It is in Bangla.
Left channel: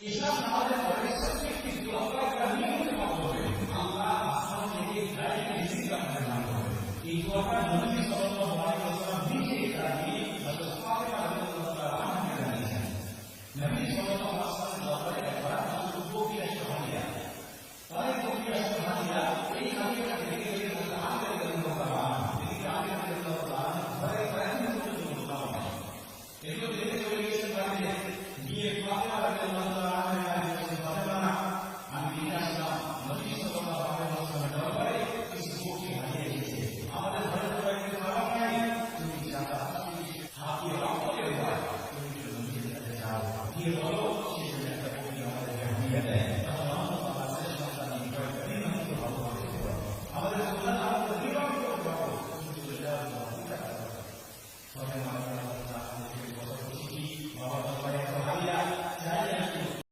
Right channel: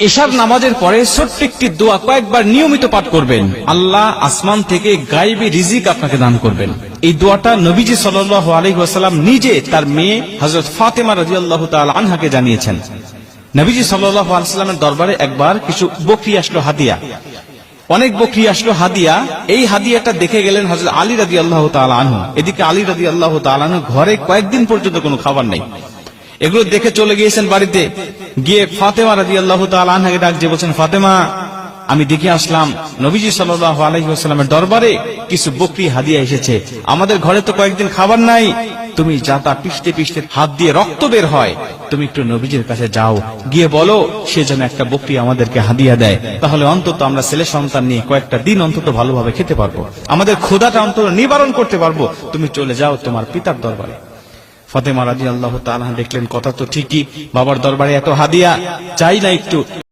এশার নামাজের পরে ছোট্ট একটি দোয়া কয়েকবার নিয়মিত পাঠ করবেন। আল্লাহ আসমান থেকে গায়েবী রিজিক আপনাকে দান করবেন। এই দোয়াটা নবীজি সাল্লাল্লাহু আলাইহি ওয়াসাল্লাম নিজে তার মেয়ে হযরত ফাতেমা রাদিয়াল্লাহু তাআলা আনহাকে জানিয়েছেন। নবীজি সাল্লাল্লাহু আলাইহি ওয়াসাল্লামের দরবারে একবার কিছু বকরি আসলো হাদিয়া, অনেক বকরি আসলো হাদিয়া। এই হাদিয়াটা দেখে গেলেন হযরত আলী রাদিয়াল্লাহু তাআলা আনহু। এদিকে আলী রাদিয়াল্লাহু তাআলা আনহু ঘরে কয়েকদিন পর্যন্ত কোনো খাবার নেই। এগুলো দেখে চলে গিয়েছেন বাড়িতে, গিয়ে ফাতেমা রাদিয়াল্লাহু তাআলা আনহাকে ডাক দিয়ে বলছেন, ফাতেমা, আমি দেখে আসলাম নবীজি সাল্লাল্লাহু আলাইহি ওয়াসাল্লামের দরবারে কিছু বকরি হাদিয়া এসেছে, আমাদের ঘরে তো কয়েকদিন খাবার নাই, তুমি যাতা পিষতে পিষতে হাত দিয়ে রক্ত বের হয়, তুমি একটু নবীজির কাছে যাও, গিয়ে বলো সে যেন একটা বকরি আমাদেরকে হাদিয়া দেয়, তাহলে অন্তত আমরা ছেলে সন্তান নিয়ে কয়েকটা দিন অন্তত ভালোভাবে খেতে পারবো, আমাদের ক্ষুধাটা অন্তত নিবারণ করতে পারবো, তুমি চলে যাও তোমার পিতার দরবারে। ফাতেমা রাদিয়াল্লাহু তাআলা দেখলেন কথা তো ঠিকই, বাবার দরবারে এত হাদিয়া, চাই না একটু